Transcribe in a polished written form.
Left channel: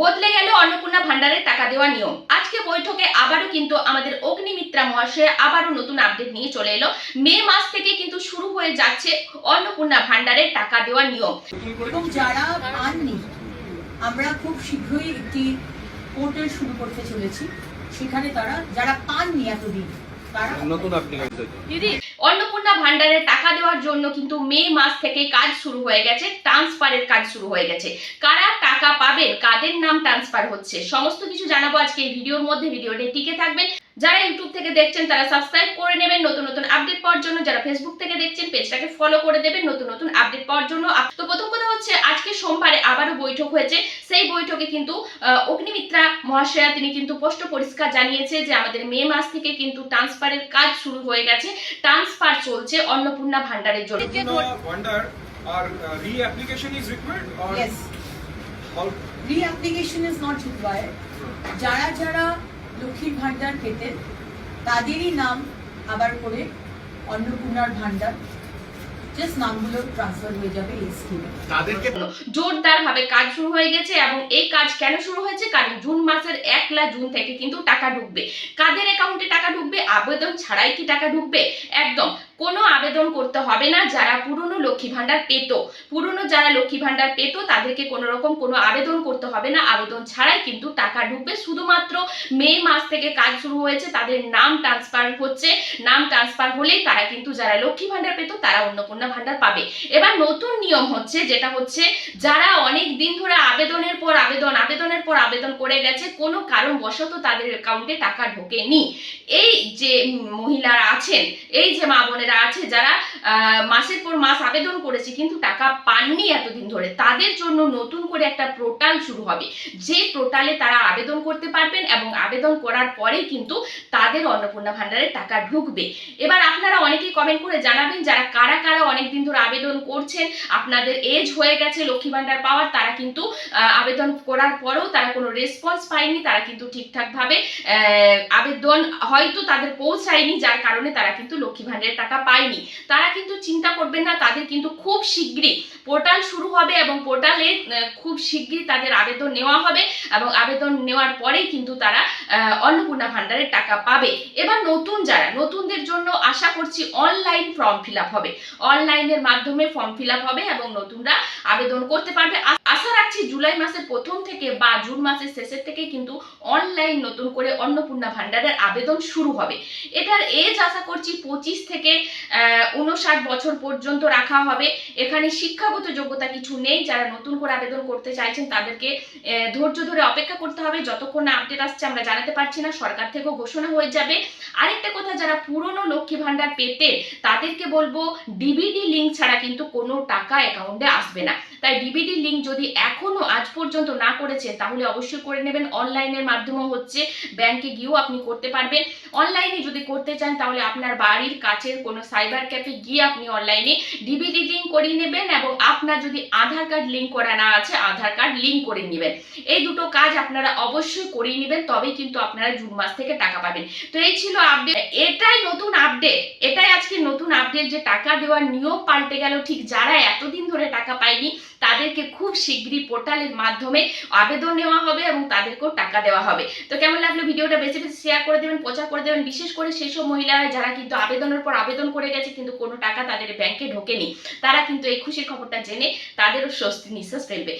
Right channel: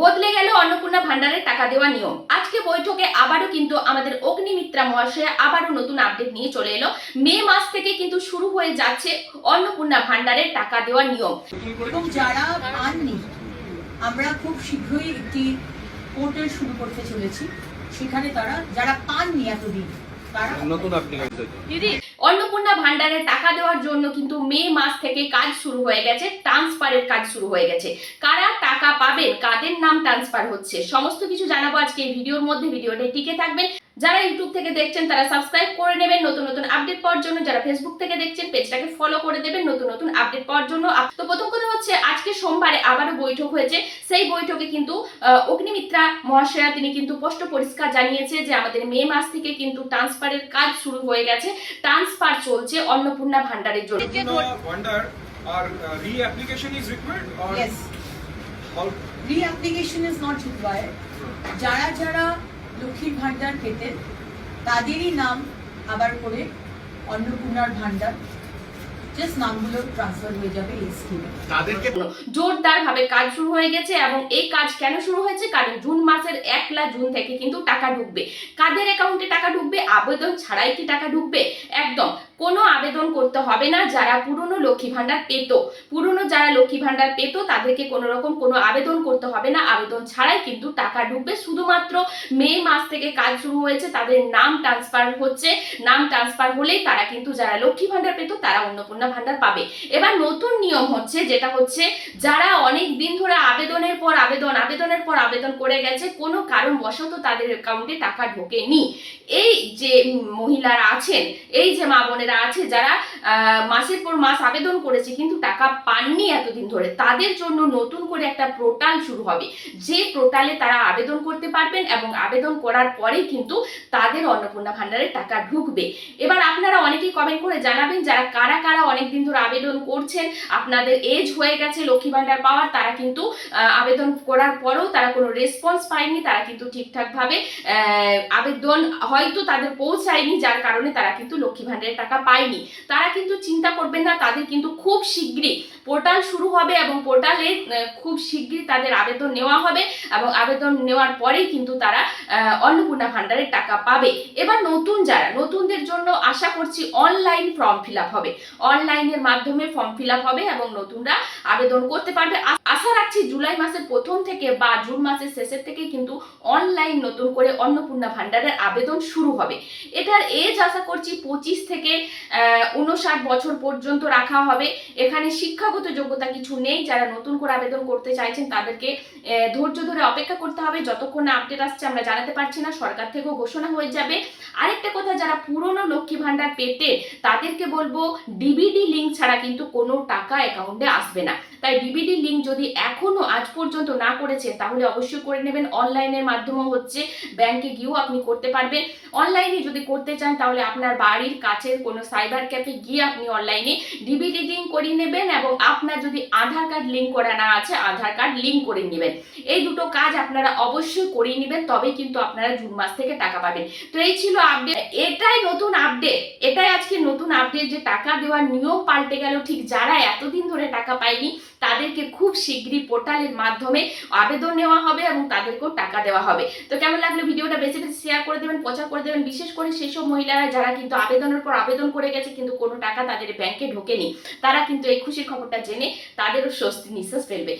বদলে গেল অন্নপূর্ণা ভান্ডারের টাকা দেওয়ার নিয়ম। আজকে বৈঠকে আবারও কিন্তু আমাদের অগ্নিমিত্রা মহাশয় আবারও নতুন আপডেট নিয়ে চলে এলো। মে মাস থেকে কিন্তু শুরু হয়ে যাচ্ছে অন্নপূর্ণা ভান্ডারের টাকা দেওয়ার নিয়ম। এবং যারা পাননি, আমরা খুব শীঘ্রই একটি পোর্টাল শুরু করতে চলেছি, সেখানে তারা যারা পাননি এতদিন তারা নতুন অ্যাপ্লিকেশন। দিদি, অন্নপূর্ণা ভান্ডারের টাকা দেওয়ার জন্য কিন্তু মে মাস থেকে কাজ শুরু হয়ে গেছে, ট্রান্সফারের কাজ শুরু হয়ে গেছে। কারা টাকা পাবেন, কাদের নাম ট্রান্সফার হচ্ছে, সমস্ত কিছু জানাবো আজকে এই ভিডিওর মধ্যে। ভিডিওটা টিকে থাকবেন। যারা ইউটিউব থেকে দেখছেন তারা সাবস্ক্রাইব করে নেবেন নতুন নতুন আপডেট পাওয়ার জন্য। যারা ফেসবুক থেকে দেখছেন পেজটাকে ফলো করে দেবেন নতুন নতুন আপডেট পাওয়ার জন্য। তো প্রথম কথা হচ্ছে, আজকে সোমবারে আবারও বৈঠক হয়েছে। সেই বৈঠকে কিন্তু অগ্নিমিত্রা মহাশয়া তিনি কিন্তু স্পষ্ট পরিষ্কার জানিয়েছে যে আমাদের মে মাস থেকে কিন্তু ট্রান্সফারের কাজ শুরু হয়ে গেছে, ট্রান্সফার চলছে অন্নপূর্ণা ভান্ডারের জন্য। Vandar, our re-application is required or yes, all? re-application is not required. যারা যারা লক্ষ্মীর ভান্ডার পেতেন তাদেরই নাম আবার করে অন্নপূর্ণার ভান্ডার, জাস্ট নামগুলো ট্রান্সফার হয়ে যাবে এই স্কিমে। তাদেরকে জোরদার ভাবে কাজ শুরু হয়ে গেছে। এবং এই কাজ কেন শুরু হয়েছে, কারণ জুন মাসের 1 জুন থেকে কিন্তু টাকা ঢুকবে। কাদের অ্যাকাউন্টে টাকা ঢুকবে? আবেদন ছাড়াই কি টাকা ঢুকবে? একদম কোনো আবেদন করতে হবে না। যারা পুরনো লক্ষ্মী ভান্ডার পেত, যারা লক্ষ্মী ভান্ডার পেত তাদেরকে কোনো রকম কোনো আবেদন করতে হবে না। আবেদন ছাড়াই কিন্তু টাকা ঢুকবে। শুধুমাত্র মে মাস থেকে কাজ শুরু হয়েছে, তাদের নাম ট্রান্সফার হচ্ছে। নাম ট্রান্সফার হলেই তারা কিন্তু যারা লক্ষ্মী ভান্ডার পেত তারা অন্নপূর্ণা ভান্ডার পাবে। এবার নতুন নিয়ম হচ্ছে, যেটা হচ্ছে যারা অনেক দিন ধরে আবেদনের পর আবেদন করে গেছে, কোনো কারণবশত তাদের অ্যাকাউন্টে টাকা ঢোকেনি, এই যে মহিলারা আছেন, এই যে মা বোনেরা আছে যারা মাসের পর মাস আবেদন করেছে কিন্তু টাকা পাননি এতদিন ধরে, তাদের জন্য নতুন করে একটা পোর্টাল শুরু হবে, যে পোর্টালে তারা আবেদন করতে পারবেন এবং আবেদন করার পরেই কিন্তু তাদের অন্নপূর্ণা ভান্ডারের টাকা ঢুকবে। এবার আপনারা অনেকেই কমেন্ট করে জানাবেন যারা কারা কারা অনেকদিন ধরে আবেদন করছেন, আপনাদের এজ হয়ে গেছে লক্ষ্মী ভান্ডার পাওয়ার, তারা কিন্তু আবেদন করার পরেও তারা কোনো রেসপন্স পায়নি, তারা কিন্তু ঠিকঠাকভাবে আবেদন হয়তো তাদের পৌঁছায়নি, যার কারণে তারা কিন্তু লক্ষ্মী ভান্ডারের টাকা পায়নি। তারা কিন্তু চিন্তা করবেন না, তাদের কিন্তু খুব শীঘ্রই পোর্টাল শুরু হবে এবং পোর্টালে খুব শীঘ্রই তাদের আবেদন নেওয়া হবে এবং আবেদন নেওয়ার পরেই কিন্তু তারা অন্নপূর্ণা ভান্ডারের টাকা পাবে। এবার নতুনদের জন্য আশা করছি অনলাইন ফর্ম ফিল আপ হবে, অনলাইনের মাধ্যমে ফর্ম ফিল আপ হবে এবং নতুনরা আবেদন করতে পারবে। আশা রাখছি জুলাই মাসের প্রথম থেকে বা জুন মাসের শেষের থেকে কিন্তু অনলাইন নতুন করে অন্নপূর্ণা ভান্ডারের আবেদন শুরু হবে। এটার এজ আশা করছি 25 থেকে 59 বছর পর্যন্ত রাখা হবে। এখানে শিক্ষাগত যোগ্যতা কিছু নেই। যারা নতুন করে আবেদন করতে চাইছেন তাদেরকে ধৈর্য ধরে অপেক্ষা করতে হবে, যতক্ষণ না আপডেট আসছে আমরা জানাতে পারছি না, সরকার থেকেও ঘোষণা হয়ে যাবে। আরেকটা কথা, যারা পুরনো লক্ষ্মী ভান্ডার পেতে তাদেরকে বলবো ডিবিডি লিঙ্ক ছাড়া কিন্তু কোনো টাকা অ্যাকাউন্টে আসবে না। তাই ডিবিডি লিঙ্ক যদি এখনো আজ পর্যন্ত না করেছেন তাহলে অবশ্যই করে নেবেন। অনলাইনের মাধ্যমেও হচ্ছে, ব্যাংকে গিয়েও আপনি করতে পারবেন। অনলাইনে যদি করতে চান তাহলে আপনার বাড়ির কাছের কোনো সাইবার ক্যাফে গিয়ে আপনি অনলাইনে ডিবিডি লিঙ্ক করিয়ে নেবেন এবং আপনার যদি আধার কার্ড লিঙ্ক করা না আছে আধার কার্ড লিঙ্ক করে নেবেন। এই দুটো কাজ আপনারা অবশ্যই করিয়ে নেবেন, তবেই কিন্তু আপনারা জুন মাস থেকে টাকা পাবেন। তো এই ছিল আপডেট, এটাই নতুন আপডেট, এটাই আজকে নতুন আপডেট যে টাকা দেওয়ার নিয়ম পাল্টে গেল। ঠিক যারা এতদিন ধরে টাকা পায়নি তাদেরকে খুব শীঘ্রই পোর্টালের মাধ্যমে আবেদন নেওয়া হবে এবং তাদেরকেও টাকা দেওয়া হবে। তো কেমন লাগলো ভিডিওটা? বেশি বেশি শেয়ার করে দেবেন, প্রচার করে দেবেন, বিশেষ করে সেই সব মহিলারা যারা কিন্তু আবেদনের পর আবেদন করে গেছে কিন্তু কোনো টাকা তাদের ব্যাংকে ঢোকেনি, তারা কিন্তু এই খুশির খবরটা জেনে তাদেরও স্বস্তি নিঃশ্বাস ফেলবে।